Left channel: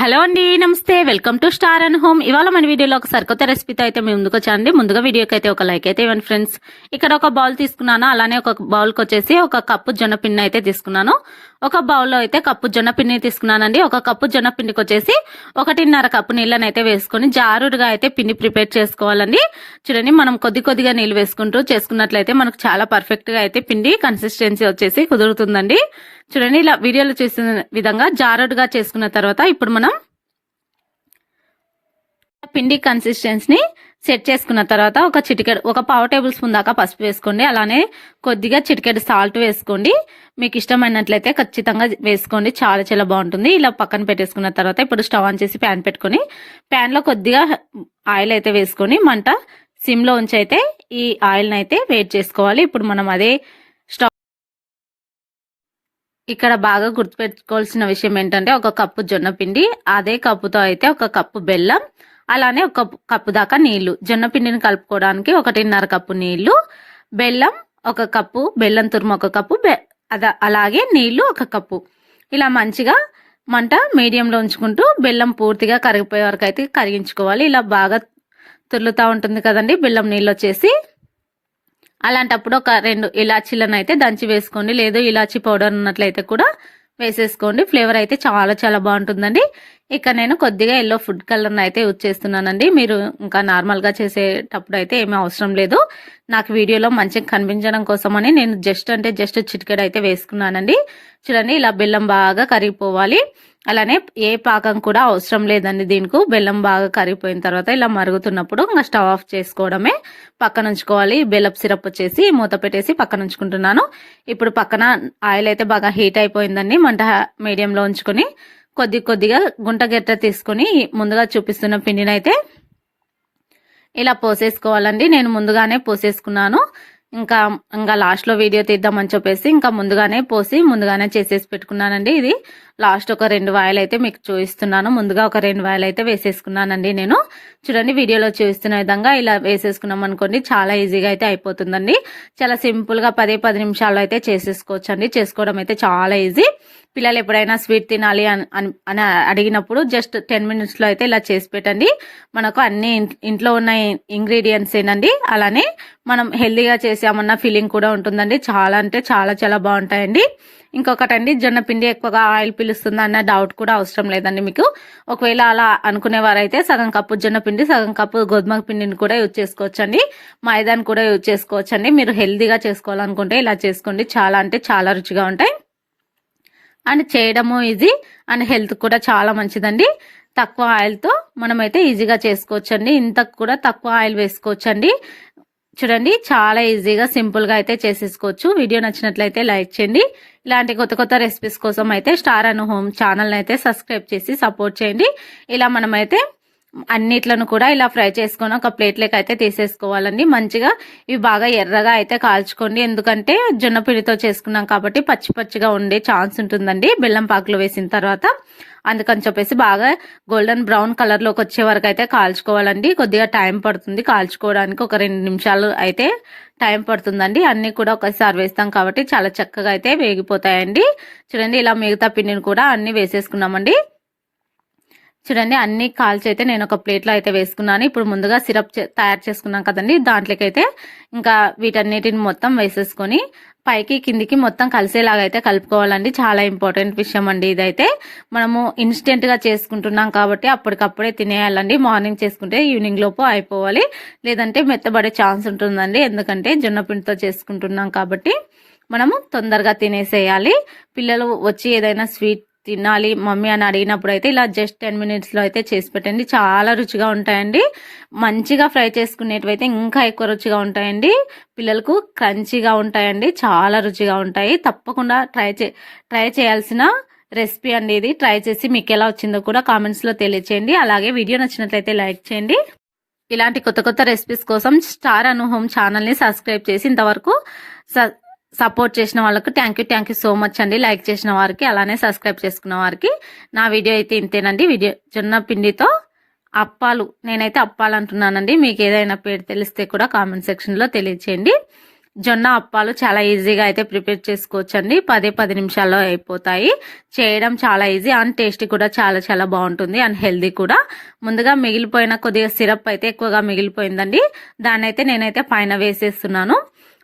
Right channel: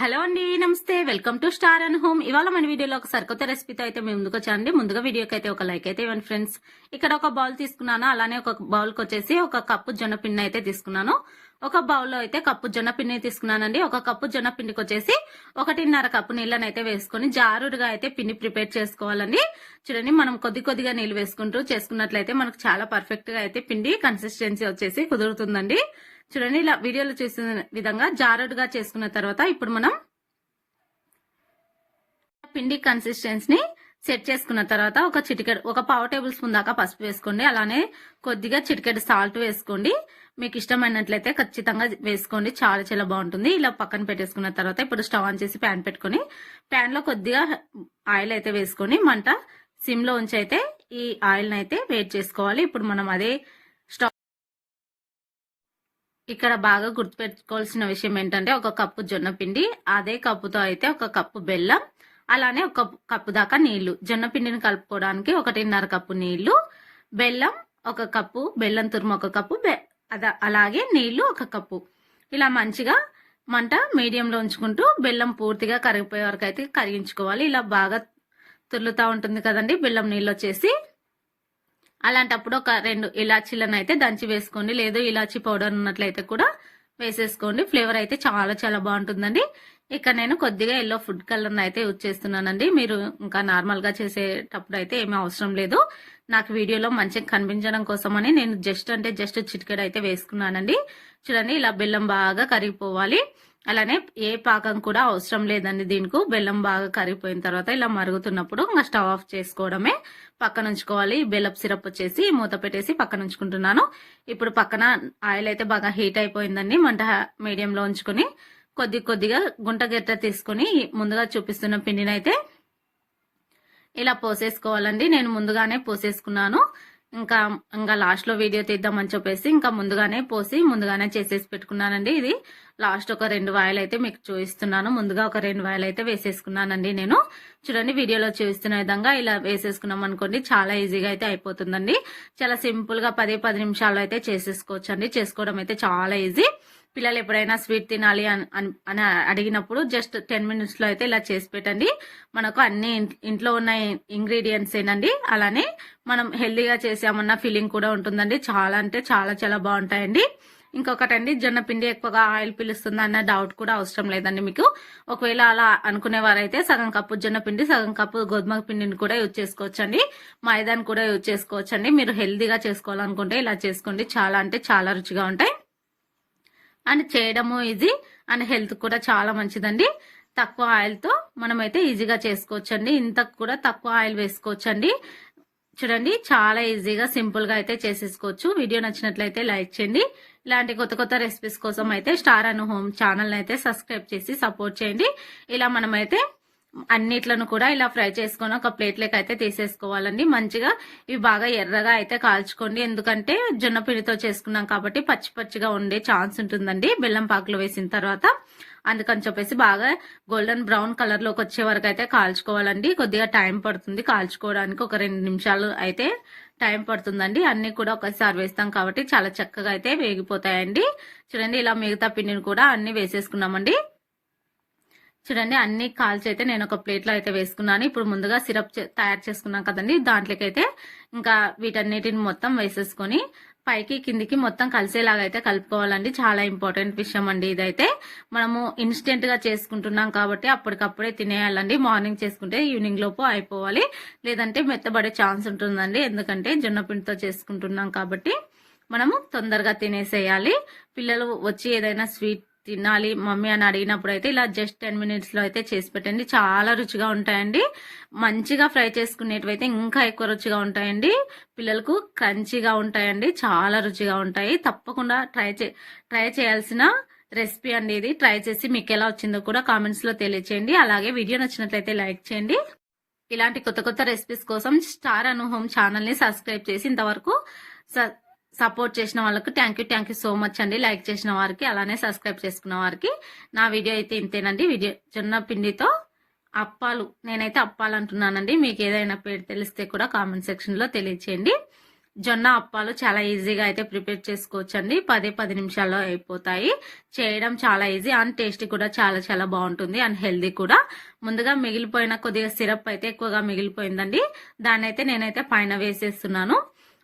Hello అండి, నమస్తే. Welcome to star and home. ఇవాళ మన వీడియోలో ఒక సరికొత్త రెసిపీతో అయితే మేము ముందుకు వచ్చానండి. ముందుగా వీడియోకి అయితే ఒక లైక్ అయితే ఇవ్వండి ఫ్రెండ్స్. ఇక్కడ ఒక బౌల్ తీసుకున్నాను. అలానే ఒక బౌల్కి వచ్చేసి ఒక కప్పు జొన్నపిండి అయితే తీసుకున్నాను. ఒక బౌల్లో అయితే కప్పు జొన్నపిండి తీసుకున్నానండి. ఒక కప్పు జొన్నపిండికి వచ్చేసి 1.5 కప్పు నీళ్ళని అయితే వేసుకొని జారుడుగా అయితే పిండి ప్రిపేర్ చేసుకోవాలండి. చూడండి, మనం కొద్దిగా నీళ్ళు వేసుకుంటూ చేసుకున్నట్లయితే మనకు చాలా పర్ఫెక్ట్ గా అయితే పిండి కన్సిస్టెన్సీ వచ్చేసి కుదురుతుందండి. చూడండి, ఇలా వీడియోలో చూసిన విధంగా జారుడుగా చేసుకున్న తర్వాత ఇప్పుడు మనం పిండి కన్సిస్టెన్సీని సెట్ చేసుకున్న తర్వాత ఒక పావు టేబుల్ స్పూన్ దాకా పసుపు వేసుకోండి. అలానే కొద్దిగా చిటికెడు సాల్ట్ వేసుకోండి. మీకు ఇష్టమైనట్లయితే ఖచ్చితంగా వేసుకోండి, చాలా చాలా బాగుంటుంది. ఇలా పక్కన పెట్టేసుకున్న తర్వాత ఇప్పుడు స్టవ్ ఆన్ చేసి ప్యాన్ పెట్టుకొని ప్యాన్లో కొద్దిగా ఆయిల్ అయితే వేసుకొని మంట సిమ్లో ఉంచి అయితే ఈ ఆయిల్ని అయితే వేడి చేసుకోవాలి. ఇప్పుడు మనం అదే ఇక్కడ బాగా గుర్తుపెట్టుకోవాల్సిన విషయం ఏంటంటే ఒక కప్పు జొన్న పిండి, అదే కప్పుతో అయితే ఒక కప్పు బెల్లం, అలానే ఒక కప్పు దాకా నీళ్లు. జొన్న పిండిని కలుపుకోవడానికి 1.5 కప్పు నీళ్లు, బెల్లం ఒక కప్పు, బెల్లం తురుము ఒక కప్పు, అలాగే నీళ్లు ఒక కప్పు. ఇలా మంచిగా మంట మీడియంలో ఉంచుకుంటూ బెల్లం పూర్తిగా కరిగిపోయే వరకు అయితే కరిగించుకోవాలి. ఇలా బాగా తుర్లుతూ ఉంటుంది కదండి బెల్లం నీళ్ళు వచ్చేసి. అలాంటప్పుడు ఒక 2 ఇలాచీలను అయితే దంచి వేసుకోండి. లేదు ఇలాచీ పౌడర్ ఉన్నట్లయితే కూడా వేసేసుకోండి. ఫ్లేవర్ అయితే చాలా చాలా బాగుంటుందండి. ఇక్కడ నేను కొద్దిగా ఎల్లో ఫుడ్ కలర్ని అయితే యూజ్ చేస్తున్నానండి. మీరు ఇంకా నార్మల్గా చేసేటప్పుడు అయితే ఏమీ అవసరం లేదు. నాకు వీడియోలో మంచిగా కనిపించడం కోసమని నేను జస్ట్ చిటికెడు అయితే వేసుకున్నానండి. చూడండి, ఇలా బెల్లం బాగా కరిగిపోవాలి. అలానే ఏ పాకం కూడా అవసరం లేదండి దీనికి. బెల్లం బాగా కరిగిపోయిన తర్వాత ఇలా మరుగుతున్నప్పుడు ఇంకా స్టవ్ ఆఫ్ చేసుకోవడమే, పక్కన ఉంచుకోవాలి. బెల్లపు సిరప్ వచ్చేసి మూత పెట్టేసి పక్కన ఉంచుకుంటున్నాను. ఇప్పుడు పక్కన ఆయిల్ అయితే బాగా హీట్ అయిపోయిందండి. మంట మీడియంలో ఉంచుకొని కొద్దిగా గుంట గెట్ట తీసుకొని ముందుగా చూపిస్తున్న పిండిని అయితే ఇలా పోసేసుకోవాలండి. నేను ముందుగానే పోసేసుకున్నాను. ఇంకా లాస్ట్లో వీడియో తీద్దామని చెప్పేసి ఇంకా ముందుగానే చేసేసి పెట్టుకున్నానండి. ఇది లాస్ట్ ఒక 2 వాయిలు అయితే మీకు చూపిస్తున్నాను. ముందుగా ఒక 2 వాయిలు అయితే వేసేసుకున్నానండి నేను. చూడండి, వీడియోలో చూపిస్తున్న విధంగా ఇలా వేసేసుకున్నాం అనుకోండి, చాలా ఈజీగా అయితే అయిపోతుందండి. చాలా సింపుల్గా 10 నిమిషాల్లో అయితే చేసేసుకోవచ్చండి. చేసుకోవడం అయితే చాలా ఈజీ. పిల్లలు ఎప్పుడైనా స్వీట్ తినాలి అని అడిగినప్పుడు జస్ట్ 10 మినిట్స్లో అయితే ఇలా చేసి పెట్టండి. మనకు అన్ని ఇంట్లో ఉన్న ఇంగ్రీడియంట్స్ ఏనండి. అలానే మనం హెల్దీగా చేసామన్న ఫీలింగ్ కూడా ఉంటుందండి. చాలా అంటే చాలా చాలా బాగుంటాయండి. ఇంకొకటండి, జొన్న పిండి ఎక్కువగా ఆయిల్ పీలుస్తుంది అన్న డౌట్ కూడా అవసరం లేదండి మీకు. ఒకవేళ అలా అనుకునేవారైతే సగం కప్పు జొన్న పిండి, సగం కప్పు గోధుమ పిండిని కూడా యూజ్ చేసుకోవచ్చండి. మైదాని కూడా యూజ్ చేసుకోవచ్చండి. మీరు హెల్దీగా చేసుకోవాలనుకుంటే ఇలా చేసుకోండి. చాలా అంటే చాలా రుచిగా ఉంటాయి అండ్ చేయడము ఈజీ అండ్ హెల్త్ కూడా చాలా మంచిదండి. తక్కువ ఆయిల్తో మనమైతే ఈజీగా చేసుకోవచ్చండి. ఇంతకు కూడా తక్కువ ఆయిల్ వేసుకోవచ్చండి. చూడండి, చాలా ఈజీగా సింపుల్గా అయితే చేసేసుకోవచ్చు. వీడియో నచ్చినట్లయితే లైక్ చేయండి. ఇలాంటి కొత్త రెసిపీస్ కోసం అయితే స్టార్ అండ్ హోమ్ ఛానల్ని అయితే సబ్స్క్రైబ్ చేసి సపోర్ట్ చేయండి. ఇలా మనమైతే అన్నిట్లను కూడా ఇలా ఫ్రై చేసుకొని ఒక ప్లేట్లోకి అయితే తీసేసుకోవాలండి. మంచిగా ఇవి బాగా ఎర్రగా అయితే కాల్చుకోండి. ఎందుకంటే జొన్న పిండితో చేసుకున్నాం కాబట్టి పచ్చిగా ఉండే ఛాన్స్ ఉంటుందండి బెల్లం పాకులో వేసిన తర్వాత. అందుకని చెప్పేసి బాగా గోల్డెన్ బ్రౌన్ కలర్లోకి వచ్చే వరకు అయితే కాల్చుకోవాలండి. కొద్దిగా టైం పడుతుంది కాల్చుకోవడానికి, ఒక 2 నిమిషాలు అయితే టైం పడుతుందండి. అన్ని కూడా ఒకసారి వేస్తాం కాబట్టి చాలా చక్కగా అయితే వేగిపోతాయండి. చూడండి, ఇలా మిగతా పిండిని కూడా అన్ని వేసేసుకున్నామండి. చూడండి, అన్ని కాల్చి అయితే నేను ఒక ప్లేట్లో అయితే వేసుకున్నాను. ఇప్పుడు ముందుగా సిరప్ తయారు చేసుకున్నాం కదండి, దాంట్లోకి అయితే ఇంకా వీటన్నిటిని మొత్తం వేసేసుకొని పైకి కిందికి మొత్తం కలిసేలాగా అయితే కలుపుకోవాలండి. చాలా ఇంపార్టెంట్ విషయం అండి ఇదైతే. మనము ఇన్స్టెంట్ గా చేసుకుంటున్నాం కాబట్టి అప్పటికప్పుడే తినేయాలండి. మార్నింగ్ చేసుకుంటే ఈవినింగ్ లోపు అయిపోవాలి, లేదంటే మెత్తబడే ఛాన్స్ ఉంటుందండి. ఎందుకంటే జొన్న పిండితో చేసుకుంటున్నాం కాబట్టి మనము తొందరగా తినేసేయాలి. పిల్లలు వచ్చి ఏదైనా స్వీట్ తినాలి మమ్మీ అని అడిగినప్పుడు అయితే ఇలా జస్ట్ 10 మినిట్స్లో అయితే చేసి పెట్టండి. చాలా రుచిగా ఉంటాయండి. మంచిగా ఫ్రై చేసుకునేటివైతే ఇంకా ఎక్కువ రుచిగా ఉంటాయండి. పిల్లలకు క్రంచీగా ఉంటాయండి, చాలా రుచిగా ఉంటాయి. తప్పకుండా ట్రై చేయాల్సిన రెసిపీ అండి ఇది. ట్రై చేసి మీకు ఎలా వచ్చిందో కూడా కామెంట్స్లో తెలియచేయండి. అలాగే వీడియో నచ్చినట్లయితే లైక్ చేయండి. ఇలాంటి కొత్త రెసిపీస్ కోసం స్టార్ అను హోమ్ ఛానల్ని సబ్స్క్రైబ్ చేసి ఇంతవరకు సపోర్ట్ చేసిన వాళ్ళకు థ్యాంక్ యూ సో మచ్ అండి. లైక్ చేసిన వారికి, అలానే సబ్స్క్రైబ్ చేసుకున్న వారికి. నా వీడియో అయితే ఇంతేనండి. జొన్న పిండితో అప్పాలు, నేనైతే అప్పాలు అంటున్నానండి. మీకు ఏదైనా పేరు తెలిస్తే కూడా కామెంట్ సెక్షన్లో తెలియచేయండి. జొన్న అప్పాలు చాలా ఈజీగా అయితే ప్రిపేర్ చేసుకోవచ్చండి. 10 నిమిషాల్లో అయిపోతాయి. చేయడం చాలా ఈజీ అండ్ టేస్ట్ కూడా చాలా చాలా బాగుంటుంది అండ్ హెల్దీ కూడా. ముందుగా మిగిలిపోయిన కొద్దిగా సిరప్ అయితే ఎక్కువగా మిగిలిపోయిందండి. దాన్ని అయితే నేనైతే పైన వేసేస్తున్నాను.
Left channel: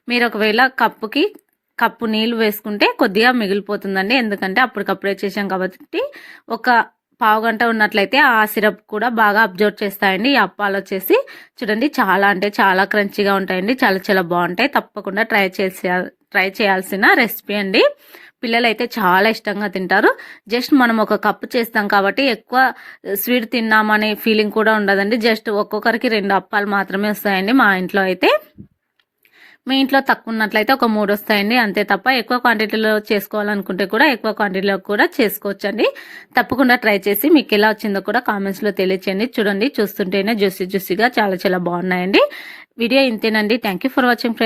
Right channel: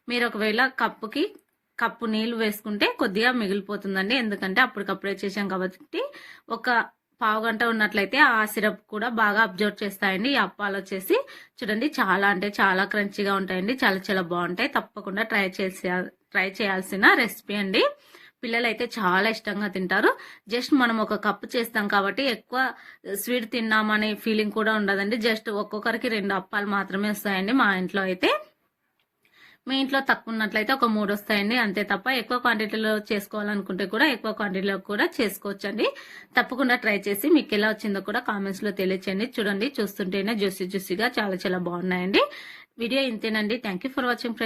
మీరు ఒకవేళ కప్పు నీళ్లు వేసుకుంటే కొద్దిగా మిగిలిపోతుందండి. ఎందుకంటే అప్పటికప్పుడే చేసాం కాబట్టి ఒక పావు గంట ఉన్నట్లయితే ఆ సిరప్ కూడా బాగా అబ్జర్వ్ చేస్తాయండి. ఈ అప్పాలు వచ్చేసి చూడండి చాలా అంటే చాలా క్రంచీగా ఉంటాయండి. చాలా చాలా బాగుంటాయి. తప్పకుండా ట్రై చేయాల్సిన రెసిపీ అండి. పిల్లలు అయితే చాలా ఇష్టంగా తింటారు. జస్ట్ మనం ఒక కప్పు చేస్తాం కాబట్టి ఎక్కువ స్వీట్ తిన్నామనే ఫీలింగ్ కూడా ఉండదండి. జస్ట్ ఒక్కొక్కరికి 2 అప్పాలు మాత్రమే వస్తాయండి. మా ఇంట్లో అయితే, మీ ఇంట్లో తక్కువ ఉన్నట్లయితే ఒక 3 వస్తాయండి. అంతే తప్ప ఎక్కువ క్వాంటిటీలో చేసుకోవాలనుకుంటే కూడా ఎక్కువ క్వాంటిటీలో కూడా చేసుకోవచ్చండి. తప్పకుండా ట్రై చేసి మీకు ఎలా వచ్చిందో కూడా కామెంట్స్లో తెలియచేయండి. చూడండి చూస్తుంటేనే జ్యూసీగా చాలా చాలా బాగున్నాయండి. వీడియో ఇంతేనండి. Thank you for watching friends.